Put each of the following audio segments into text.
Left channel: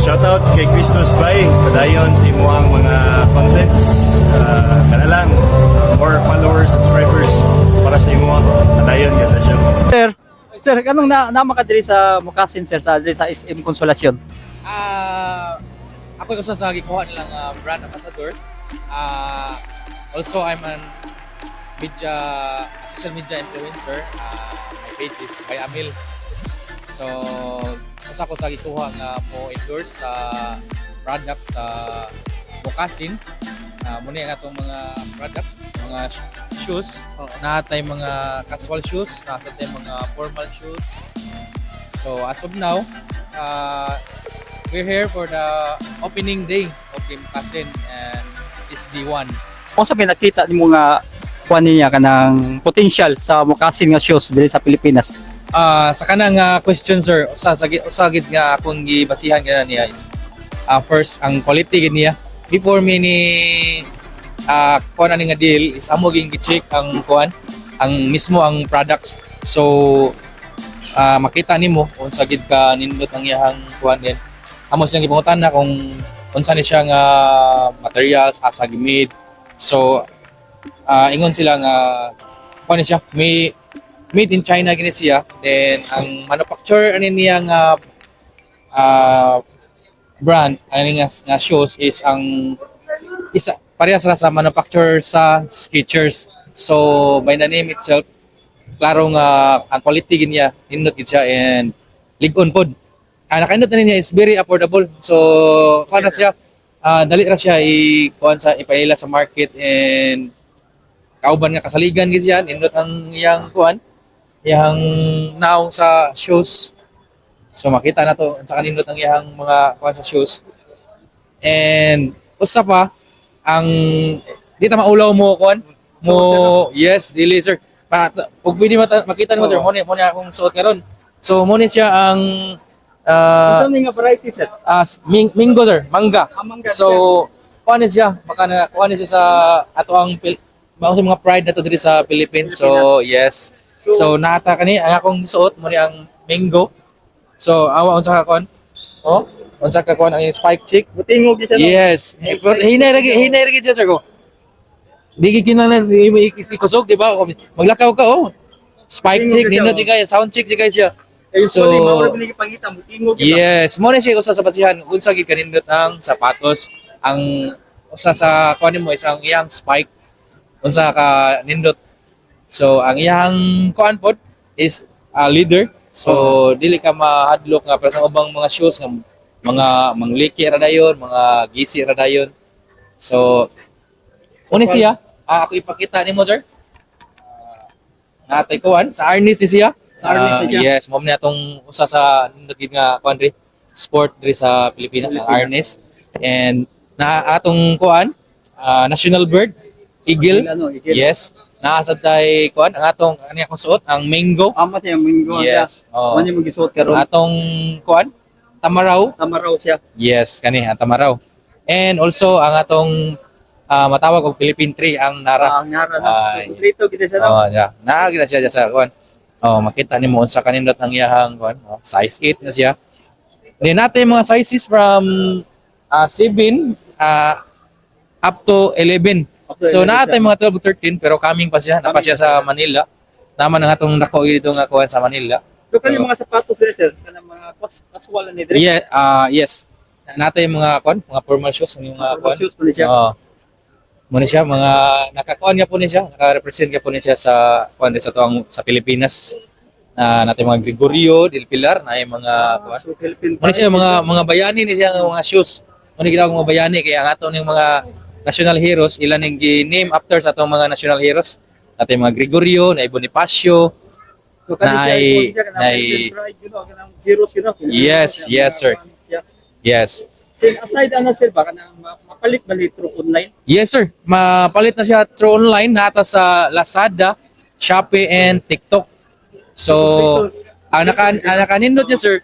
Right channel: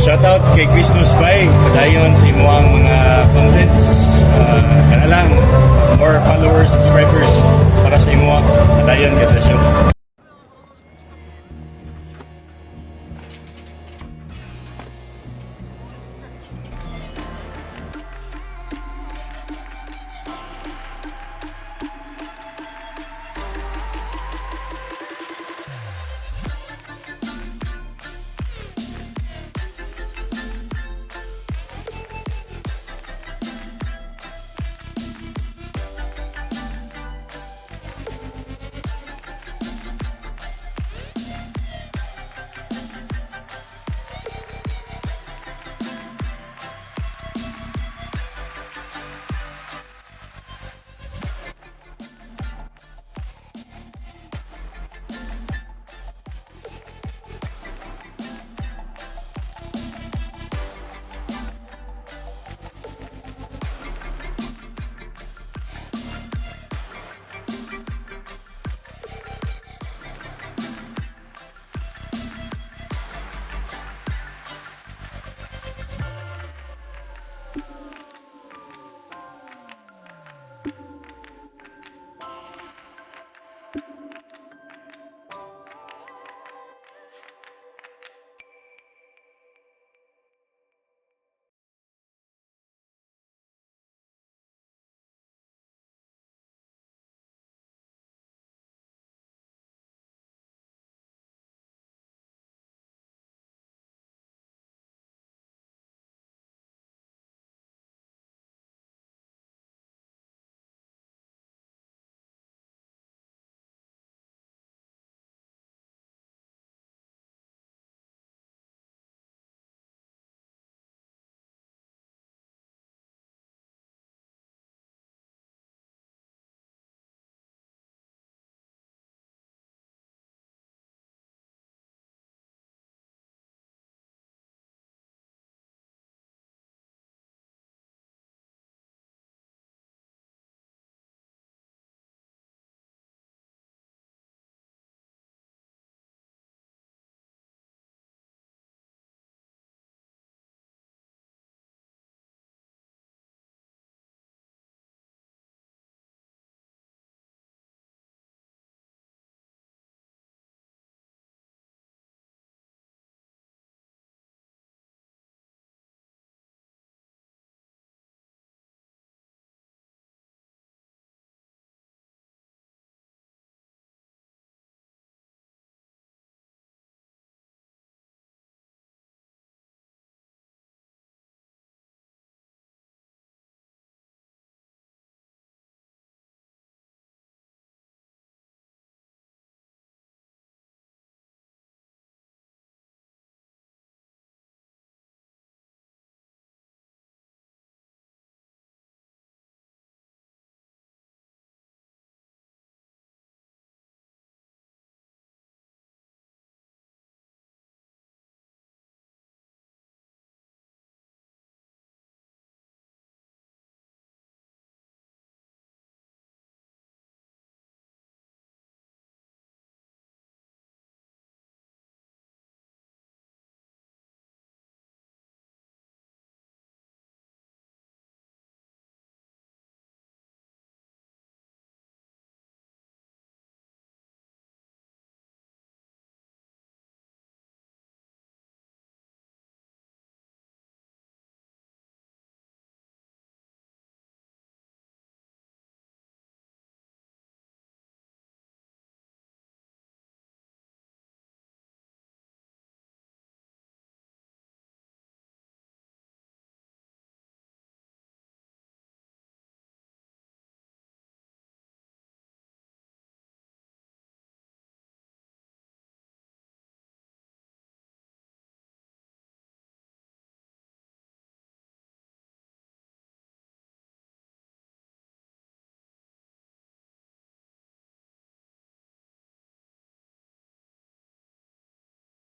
Shoutout kay Christmas Bay, padayon sa imuang mga contents. Kana lang, more followers, subscribers para sa imuang padayon ganda siya. Sir, kanong na makadiri sa Mukasin sir sa diri sa SM Consolacion? Ako usa sa gikuha nilang brand ambassador. Also, I'm an media, social media influencer. My page is by Amil. So, usa ko sa gikuha nga mo endorse sa products sa Mukasin. Muna nga itong mga products, mga shoes. Natay mga casual shoes, natay mga formal shoes. So as of now, we're here for the opening day of the Mukasin and is the one. Kung sa nakita nimo nga kuan niya kanang potential sa Mukasin nga shoes diri sa Pilipinas. Sa kanang question sir, usagid nga akong gibasihan kana niya is first ang quality gid niya. Before me ni kuan ani nga deal is amo ging gi-check ang kuan ang mismo ang products. So makita nimo kung sa gid ka nindot ang iyang kuan din. Amo siyang gipangutan na kung unsa ni siya nga materials asa gimid. So ingon sila nga kuan ni siya made in China gini siya. Then ang manufacturer ani niya nga brand ani nga shoes is ang isa parehas ra sa manufacturer sa Skechers. So by the name itself, klaro nga ang quality gid niya nindot gid siya and lig-on pod. Nakaindot na niya is very affordable. So kuan ra siya dali ra siya kuan sa ipaila sa market and kauban nga kasaligan gid siya nindot ang iyang kuan iyang naong sa shoes. So makita na to sa kanindot ang iyang mga kuan sa shoes. And usa pa ang di ta maulaw mo kuan mo yes dili sir. Ug pwede makita nimo sir mo ni akong suot karon. So mo ni siya ang Unsa ni nga variety sir? Mingo sir, mangga. Mangga, So kuan ni siya maka na kuan ni siya sa ato ang mga pride na to diri sa Philippines. So yes. So naata kani ang akong suot mo ni ang mango. So awa unsa ka kuan? Oh, unsa ka kuan ang spike chick? Butingog siya no. Yes. Hinay ra siya sir ko. Di kinahanglan ikusog di ba? Maglakaw ka oh. Spike chick nindot di kay sound chick di kay siya. So mao ni gipangita butingog. Yes, mo ni siya usa sa basihan unsa gid kanindot ang sapatos. Ang usa sa kuan mo isang iyang spike unsa ka nindot. So ang iyang kuan pod is leather. So dili ka mahadlok nga para sa ubang mga shoes nga mga mangliki ra dayon, mga gisi ra dayon. So uni siya, ako ipakita nimo sir. Natay kuan sa harness ni siya. Sa harness ni siya. Yes, mo ni atong usa sa nindot nga kuan diri sport diri sa Pilipinas ang harness. And na atong kuan national bird eagle. Eagle. Yes. Naasad tay kuan ang atong ani akong suot ang mango. Amat yung mingo Yes. siya. Ano yung magisuot karon? Atong kuan tamaraw. Tamaraw siya. Yes, kani ang tamaraw. And also ang atong matawag og Philippine tree ang nara. Ang nara Ah, na. So kompleto kita siya no. Oh, yeah. Naagila siya dyan sa kuan. Oh, makita nimo unsa kanindot ang iyahang kuan. Oh, size 8 na siya. Then natin mga sizes from 7 up to 11. So naatay mga 12 to 13 pero coming pa siya, napa siya sa Manila. Naman ang atong nako dito nga kuan sa Manila. So kanang mga sapatos diri sir, kanang mga casual ni diri. Yeah, yes. Natay mga kuan, mga formal shoes ang mga kuan. Shoes pa ni siya. Oo. Muna siya mga nakakuan niya po niya siya, naka-represent niya po niya siya sa kuan sa tuang sa Pilipinas. Natin mga Gregorio del Pilar na yung mga kuan. So Philippine. Muna siya mga bayani ni siya nga mga shoes. Muna gitawag mga bayani kaya ang ato ning mga national heroes ilan ning gi-name after sa atong mga national heroes. Natin mga Gregorio, na Bonifacio. So kanang siya na pride you know, kanang heroes you know. Yes, yes sir. Yes. Aside ana sir ba kanang mapalit ba litro online? Yes sir, mapalit na siya through online nata sa Lazada, Shopee and TikTok. So ang nakanindot niya sir,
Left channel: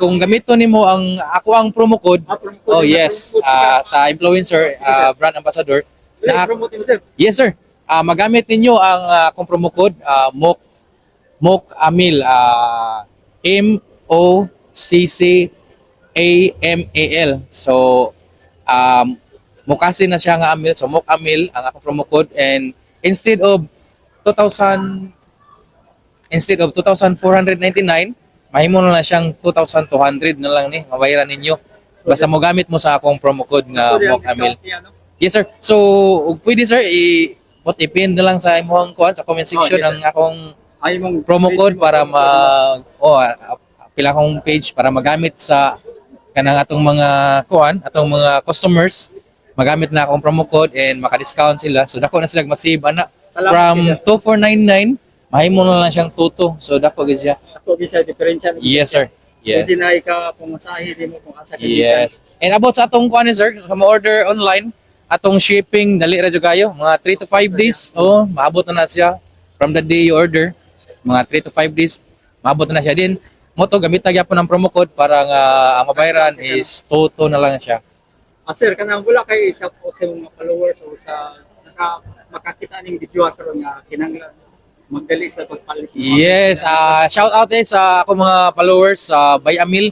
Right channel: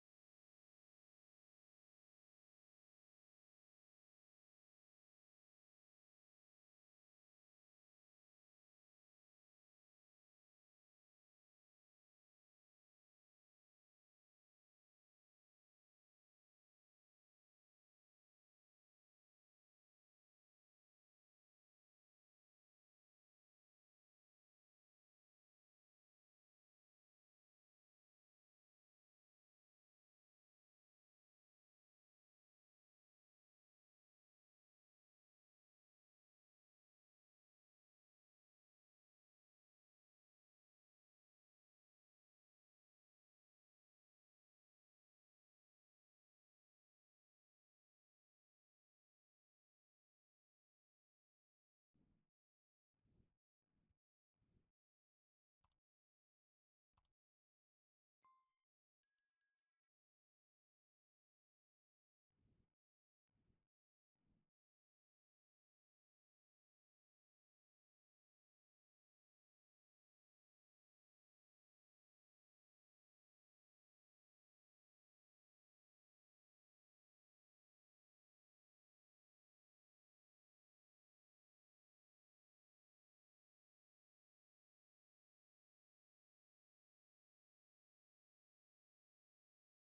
kung gamito nimo ang ako ang promo code. Oh yes, sa influencer brand ambassador. Promote mo sir. Yes sir. Magamit ninyo ang akong promo code MOC Amil MOCC AMAL. So mukasin na siya nga amil. So Mokamil ang akong promo code, and instead of 2,499, mahimo na lang siyang 2,200 na lang ni mabayaran ninyo. Basta mo gamit mo sa akong promo code nga Ito yung Mokamil. discount niya, no? Yes sir. So ug pwede sir i-pin na lang sa imong kuan sa comment section yes, sir. ang akong Ay, mong promo code para pila akong page para magamit sa kanang atong mga kuan, atong mga customers, magamit na akong promo code and maka-discount sila. So dako na sila mag-save ana. Salamat, From 2,499, mahimo na lang siyang 2,2. So dako gid siya. Ako bisa diferensya. Yes sir. Yes. Pwede na ika pumasahe din mo kung asa ka. Yes. And about sa atong kuan sir, sa ma-order online, atong shipping dali ra jud kayo, mga 3 to 5 days. Oh, maabot na siya from the day you order. Mga 3 to 5 days, maabot na siya din. Mo to gamit na gyapon ang promo code para nga ang mabayaran is 2,2 na lang siya. Sir, kanang wala kay shout out sa mga followers o sa makakita ning video karon nga kinahanglan magdali sa pagpalit. Yes, shout out sa ako mga followers sa Bayamil.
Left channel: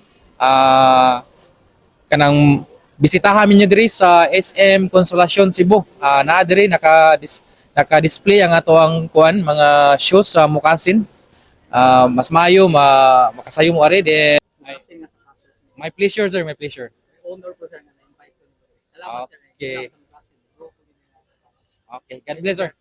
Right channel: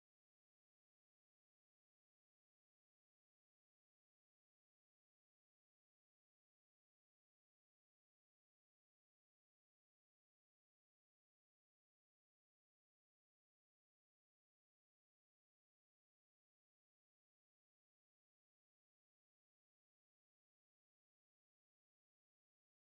Kanang bisitahan ninyo diri sa SM Consolacion Cebu. Naa diri naka-display ang ato ang kuan mga shoes sa Mokasin. Mas maayo makasayo mo ari din. My pleasure sir, my pleasure. Honor po sir na invite ko. Salamat sir. Okay. Okay, God bless sir.